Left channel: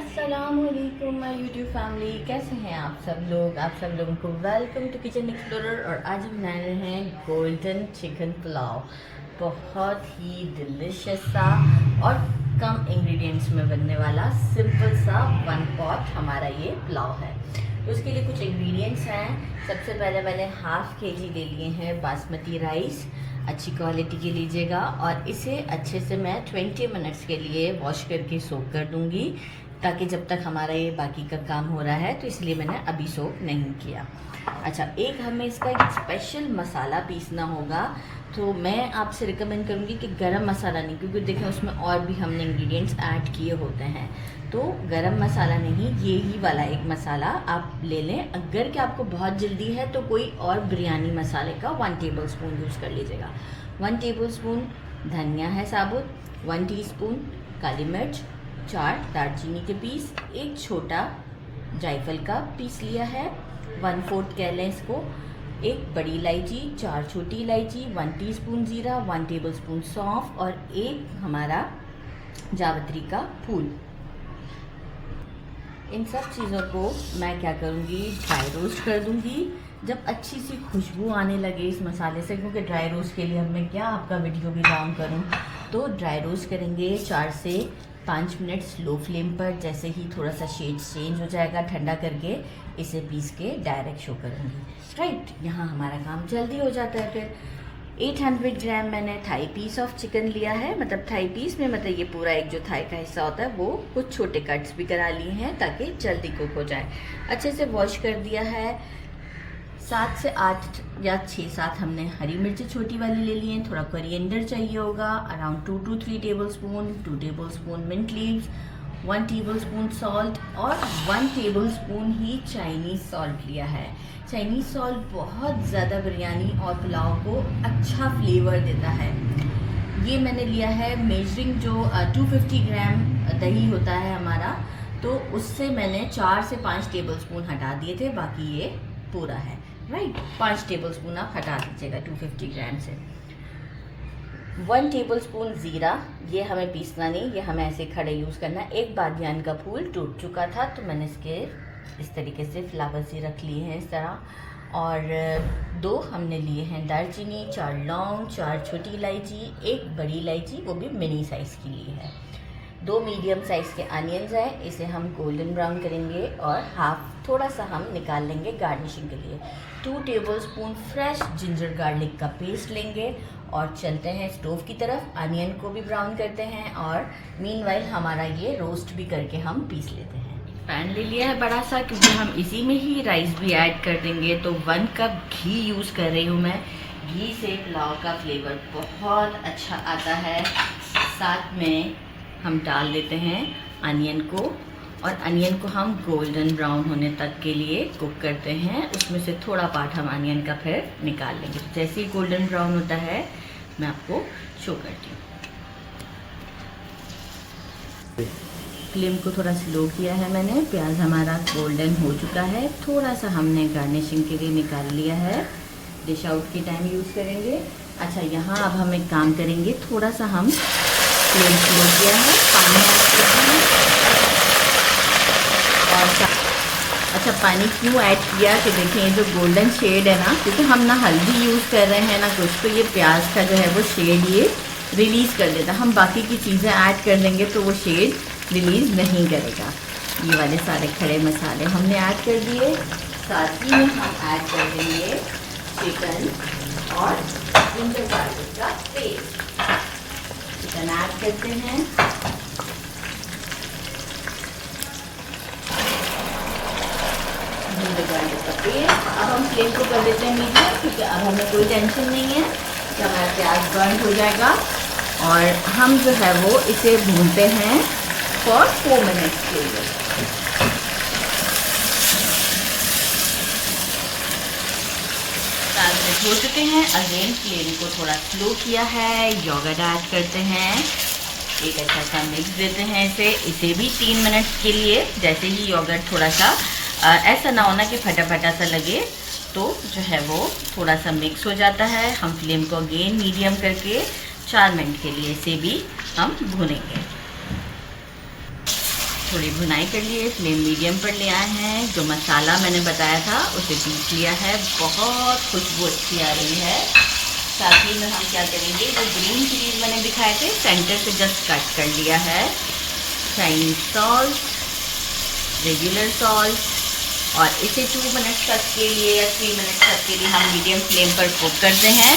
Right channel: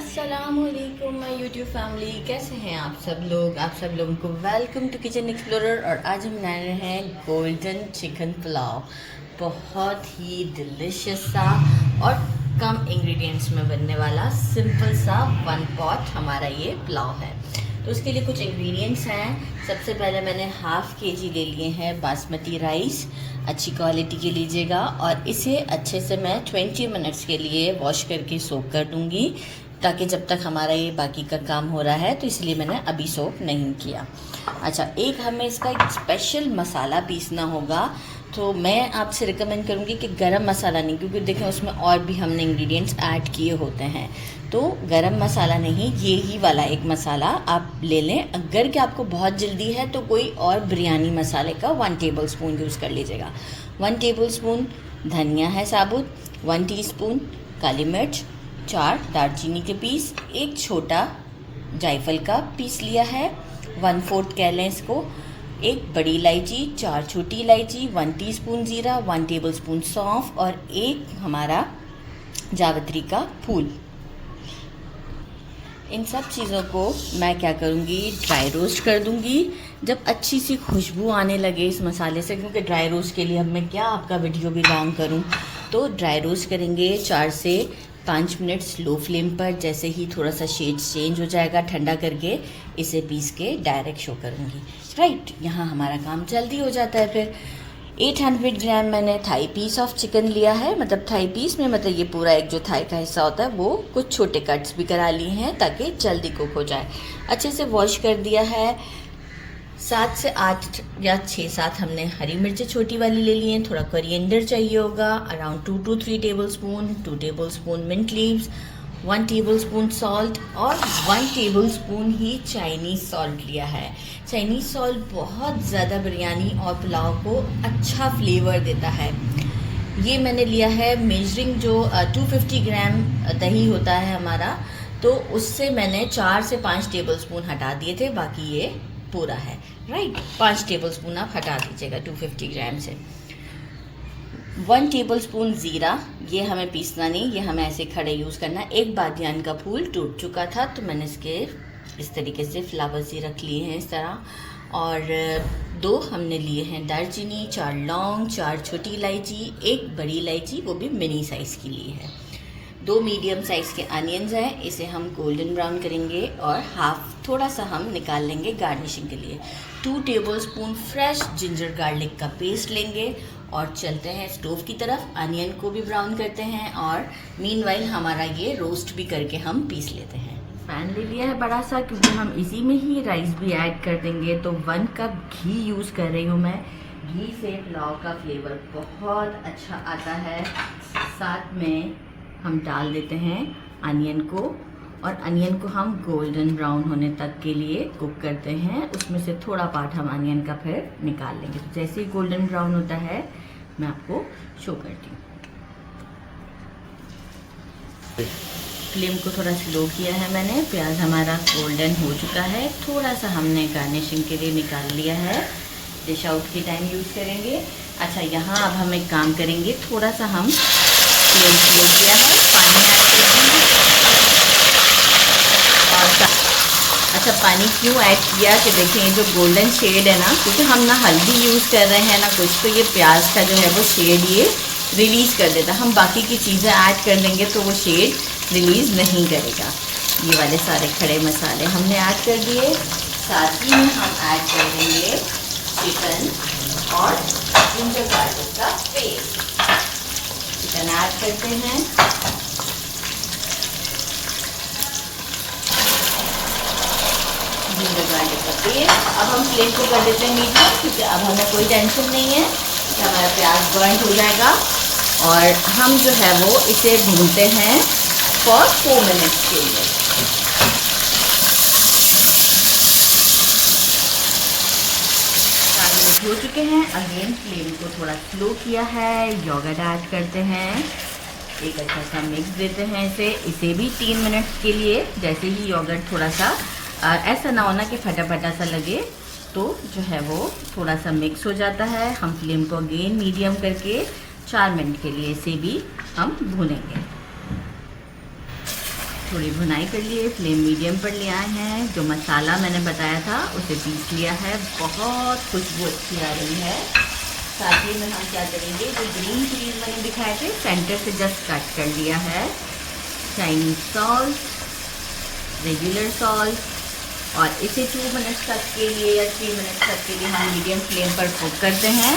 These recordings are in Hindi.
अस्सलामुअलैकुम माय यूट्यूब फैमिली, कैसे हैं आप सब लोग। आप सब लोगों को वेलकम टू किचन एक्सप्लोरर। और आज हम बना रहे हैं गोल्डन चिकन पुलाव। बहुत ही डिलिशियस सा और कम इंग्रेडिएंट्स में बनने वाला सिंपल सा वन पॉट हमारा ये पुलाव है। तो उसके लिए कुछ इंग्रेडिएंट्स हैं। सबसे पहले मैंने हाफ़ केजी ले लिए हैं बासमती राइस। अच्छी क्वालिटी की लीजिएगा और इसे अच्छे से मैं 20 मिनट्स के लिए वॉश करके सोक कर दूंगी, ताकि जब तक हमारा ये बाकी का काम हो रहा है, तो इसलिए मैंने अभी सोक नहीं किया। अच्छा, एक हमें इसका एक स्पेशल मसाला पीसना होगा। तो मैं आपसे रिकमेंड करूँगी कि गरम मसाला नहीं, क्योंकि देखें उसमें और भी हमने इंग्रेडिएंट्स ऐड किए होते हैं। तो गरम मसाला नहीं, ये ही वाला एक मसाला आप ले लें। अगर कि आपको बहुत जल्दी है तो कोई और बिरयानी मसाले का 1 टेबल स्पून यूज़ कर लीजिएगा। 1 टेबल स्पून धनिया है साबुत, 1 टीस्पून काली मिर्च, 4 दालचीनी के पीस, एक छोटा जायफल का पीस लिया है, 1/4 कह लें इसको, एक बड़ी इलायची, 4 छोटी इलायची, 1 टीस्पून ज़ीरा, 1 टेबल स्पून सौंफ और एक हमारा जावित्री का फूल। इन सब चीज़ों को मैं क्या करूँगी, ड्राई रोस्ट कर दूँगी। जब अच्छी सी खुशबू आने लगे इस मसाले से, क्योंकि ड्राई रोस्ट के लिए अब मैं क्या आपका वीडियो भी लॉन्ग करूँ, तो ड्राई रोस्ट करेंगे 4 से 5 मिनट स्लो फ्लेम पर। जैसे ही थोड़ा सा शेड चेंज हो जाएगा, ठंडा करके इसे पीस के डायरेक्ट शो करूँगी। राइट, यहाँ हमारा काम जल्दी हो जाता है। फिर 800 ग्राम मैंने थाई पीस ऑफ चिकन लिया है। मतलब थाई पीस में मतलब ये पूरा एक जो थाई का हिस्सा होता है, वो कुछ छोटे कट्स भी करा लिए हैं ताकि जल्दी कुक हो जाए। अच्छे से वॉश कर दिया है। 7 से 8 या 6-7 हमने हरी मिर्चें छोटी वाली ले ली हैं। थोड़ा कोरिएंडर चाहिए होगा, around 2 to 3 tablespoon, 2 tablespoon mint leaves, 1 tablespoon salt और 1 टेबल स्पून ही चाइनीज़ सॉल्ट लिया है। चाइनीज़ सॉल्ट बहुत ज़्यादा बिरयानी और पुलाव को अच्छा फ्लेवर देता है। ये मैंने लिया है मेजरिंग, जो 250 ग्राम दही होता है हमारा, तो उससे मैंने 4 से 5 टेबल स्पून हटा दिए थे, बाकी ये पूरा है। राइट, 5 टेबल स्पून आप हटा दीजिएगा 250 ग्राम से। 1 टेबल स्पून ज़ीरा, ये हमें पीसना नहीं, ये हमें ऐसे खड़े यूज़ करना। एक बादियान का फूल टूट चुका था, तो मैंने इसके इस तरीके से फ्लावर्स ही रख लिए हैं इस तरह। और 2 हमने लिए हैं दालचीनी, 4 लौंग, 4 छोटी इलायची, एक बड़ी इलायची, वो भी मिनी साइज़ की ली है। 2 मीडियम साइज़ के अनियंस हैं, इसे हम गोल्डन ब्राउन करेंगे और हाफ थोड़ा सा हम निकाल लेंगे गार्निशिंग के लिए। 2 table spoon fresh ginger garlic का पेस्ट लेंगे और चलते हैं स्टोव की तरफ। अनियन को भी ब्राउन करते हैं और मीनवाइल हमारा ये रोस्ट भी करके हम पीस लेते हैं। पैन ले लिया है बड़ा सा, क्योंकि हम इसी में ही राइस भी ऐड कर देंगे। तो 1 कप घी यूज़ कर रही हूँ मैं। घी से पुलाव का फ्लेवर बहुत अच्छा आता है। साथ में हम डाल देते हैं अनियन को, और अनियन को हम गोल्डन ब्राउन होने तक के लिए कुक करते हैं। उसमें से थोड़ा पार्ट हम अनियन का फिर निकाल लेंगे। तो जैसे ही गोल्डन ब्राउन होता है, मैं आपको शो करती हूँ। फ्लेम को थोड़ा स्लो किया है मैंने। प्याज हमारा गोल्डन हो चुका है। थोड़ा सा हमने गार्निशिंग के लिए निकाल लिया है। डिश आउट के टाइम यूज़ करेंगे। अच्छा, यहाँ अब हम एक काम करेंगे, थोड़ा सा हम फ्लेम स्लो किया है, पानी ऐड करेंगे। अच्छा, पानी क्यों ऐड किया कि देखें, ये जो गोल्डन शेड है ना, क्योंकि हम ना हल्दी यूज़ कर रहे हैं ना कुछ, तो ये प्याज का जो है वो शेड ये रिलीज़ कर देता है। हम बाकी की चीज़ें ऐड कर देंगे तो वो शेड रिलीज़ नहीं करेगा। ये वाले सारे खड़े मसाले हमने ऐड कर दिए। साथ ही में हम ऐड कर देंगे चिकन और जिंजर गार्लिक का पेस्ट। चिकन ऐड करते हैं। जिंजर गार्लिक का पेस्ट। अब हम फ्लेम को कर देते हैं मीडियम, क्योंकि अब हमें कोई टेंशन नहीं है कि हमारा प्याज बर्न हो जाएगा। और हम जो है वो इसे भूनते हैं फॉर 4 मिनट्स के लिए। हो चुके हैं। अगेन फ्लेम को थोड़ा स्लो किया है। योगर्ट ऐड करते हैं, एक अच्छा सा मिक्स देते हैं इसे भी 3 मिनट के लिए। जैसे ही योगर्ट थोड़ा सा ऐसा ना होना कि फटा फटा सा लगे, तो जो है वो थोड़ा सा मिक्स हो जाता है। हम फ्लेम को अगेन मीडियम करके 4 मिनट के लिए इसे भी हम भूनेंगे। थोड़ी भुनाई कर लिए, फ्लेम मीडियम पर ले आए हैं। जो मसाला मैंने बताया था उसे पीस लिया है, बहुत खुशबू अच्छी आ रही है। साथ ही में हम क्या करेंगे, जो ग्रीन चिलीज मैंने दिखाए थे सेंटर से जस्ट कट कर लिया है, चाइनीज सॉल्ट, रेगुलर सॉल्ट, और इसे 2 मिनट तक के लिए या 3 मिनट तक के लिए हम मीडियम फ्लेम पर कुक करते हैं।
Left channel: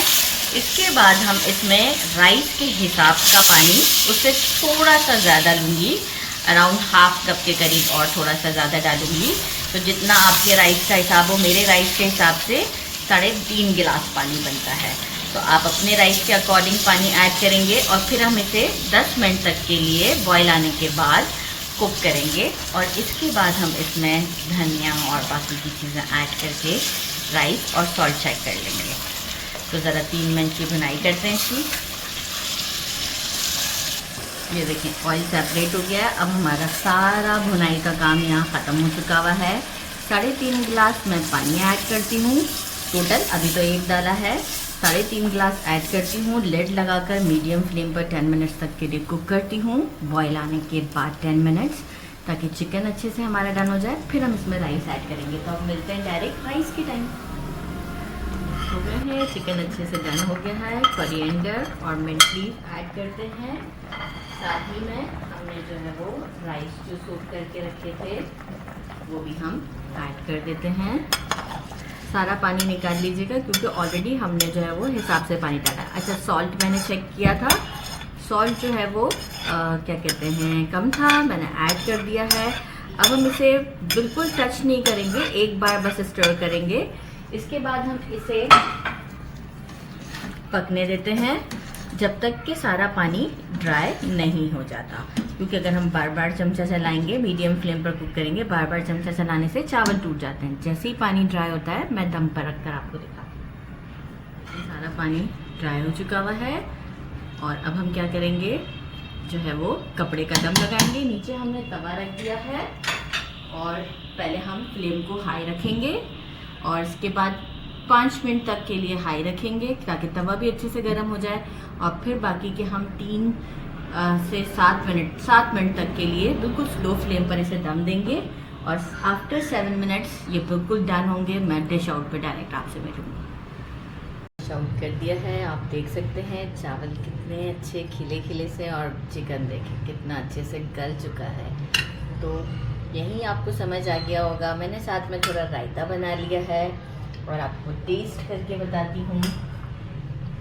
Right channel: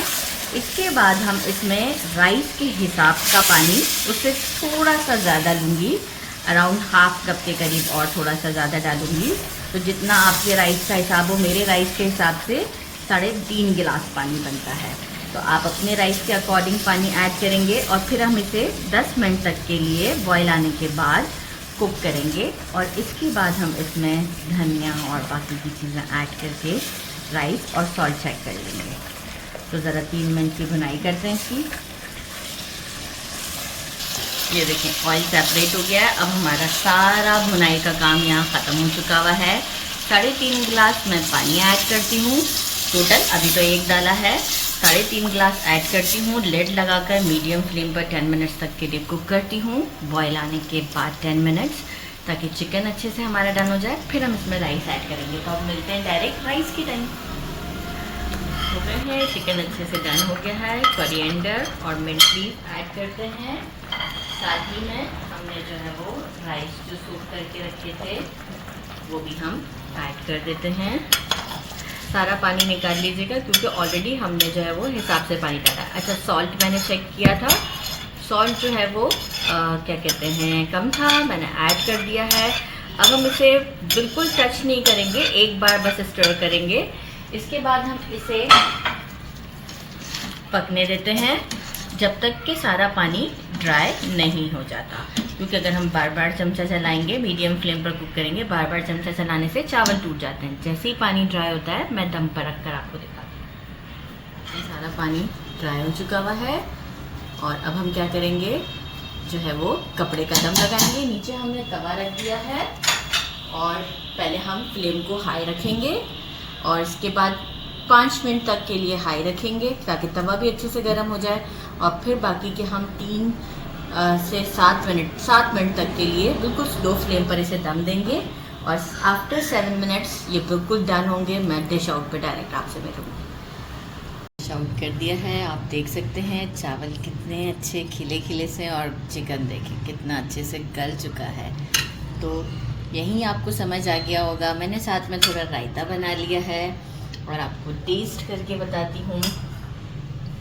इसके बाद हम इसमें राइस के हिसाब का पानी उससे थोड़ा सा ज़्यादा लूँगी, अराउंड हाफ कप के करीब, और थोड़ा सा ज़्यादा डालूँगी। तो जितना आपके राइस का हिसाब हो, मेरे राइस के हिसाब से 3.5 गिलास पानी बनता है। तो आप अपने राइस के अकॉर्डिंग पानी ऐड करेंगे और फिर हम इसे 10 मिनट तक के लिए बॉयल आने के बाद कुक करेंगे। और इसके बाद हम इसमें धनिया और बाकी की चीज़ें ऐड करके राइस और सॉल्ट चेक कर लेंगे। तो ज़रा 3 मिनट की भुनाई करते हैं इसकी। ये देखें ऑयल सेपरेट हो गया है। अब हमारा सारा भुनाई का काम यहाँ ख़त्म हो चुका हुआ है। 3.5 गिलास मैं पानी ऐड करती हूँ टोटल, अभी तो 1 डाला है। 3.5 गिलास ऐड करती हूँ, लिड लगाकर मीडियम फ्लेम पर 10 मिनट्स तक के लिए कुक करती हूँ। बॉयल आने के बाद 10 मिनट्स, ताकि चिकन अच्छे से हमारा डन हो जाए। फिर हम इसमें राइस ऐड करेंगे। तो अब मिलते हैं डायरेक्ट राइस की टाइम। है चिकन अच्छे से डन हो गया है। कोरिएंडर और मिंट लीफ ऐड करते हैं। साथ ही में हमने जो है वो राइस जो सूप करके रखे थे वो भी हम ऐड कर देते हैं। सारा पानी निकाल लीजिएगा क्योंकि ऑलरेडी हमने जो है वो हिसाब से पानी डाला। अच्छा, सॉल्ट मैंने चेक किया था, सॉल्ट जो है वो क्या कहते हैं कम था, मैंने ऐड कर दिया है। अब हम इसे बिल्कुल टच नहीं करेंगे, एक बार बस स्टर करेंगे। इसके बाद हम इसे पकने देते हैं जब तक कि सारा पानी ड्राई नहीं हो जाता, क्योंकि अगर हम बार बार चमचा चलाएंगे, मीडियम फ्लेम पर कुक करेंगे, बार बार चमचा चलाने से चावल टूट जाते हैं। जैसे ही पानी ड्राई होता है मैं दम पर रख कर आपको दिखाती हूँ। सारा पानी ड्राई हो चुका हुआ है और अब हम क्या करेंगे, जो है वो कपड़े का दम लगाएंगे। नीचे हमने तवा रख दिया है और पहले हम फ्लेम को हाई रखेंगे और इसके बाद 5 मिनट तक के लिए हाई रखेंगे ताकि तवा भी अच्छे से गर्म हो जाए। और फिर बाकी के हम 3 से 7 मिनट तक के लिए बिल्कुल स्लो फ्लेम पर इसे दम देंगे। और आफ्टर 7 मिनट्स ये बिल्कुल डन होंगे। मैं डिश आउट पर डायरेक्ट आपसे मिलूँगी। डिश आउट कर दिया है, आप देख सकते हैं चावल कितने अच्छे खिले खिले से, और चिकन देखें कितना अच्छे से गल चुका है। तो यहीं आपको समझ आ गया होगा। मैंने साथ में थोड़ा रायता बना लिया है और आपको टेस्ट करके बताती हूँ।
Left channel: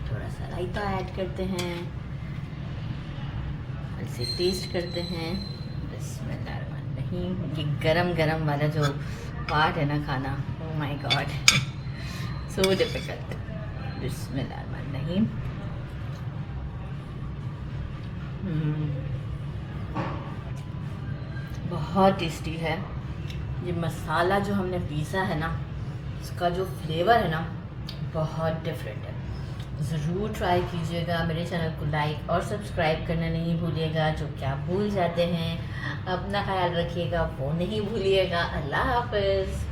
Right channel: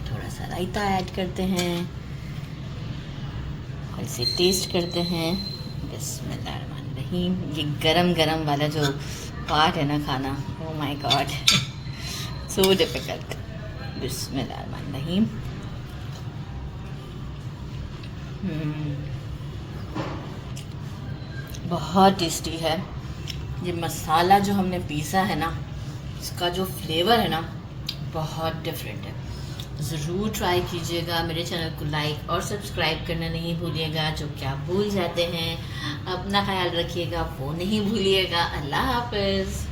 थोड़ा सा रायता ऐड करते हैं और इसे टेस्ट करते हैं। बिस्मिल्लाहिर्रहमानिर्रहीम। ये गरम गरम वाला जो पार्ट है ना खाना, oh my God, so difficult. बिस्मिल्लाहिर्रहमानिर्रहीम। बहुत टेस्टी है। ये मसाला जो हमने पीसा है ना, इसका जो फ्लेवर है ना बहुत डिफरेंट है। ज़रूर ट्राई कीजिएगा। मेरे चैनल को लाइक और सब्सक्राइब करना नहीं भूलिएगा, जो कि आप भूल जाते हैं। अपना ख्याल रखिएगा, वो नहीं भूलिएगा। अल्लाह हाफ़िज़।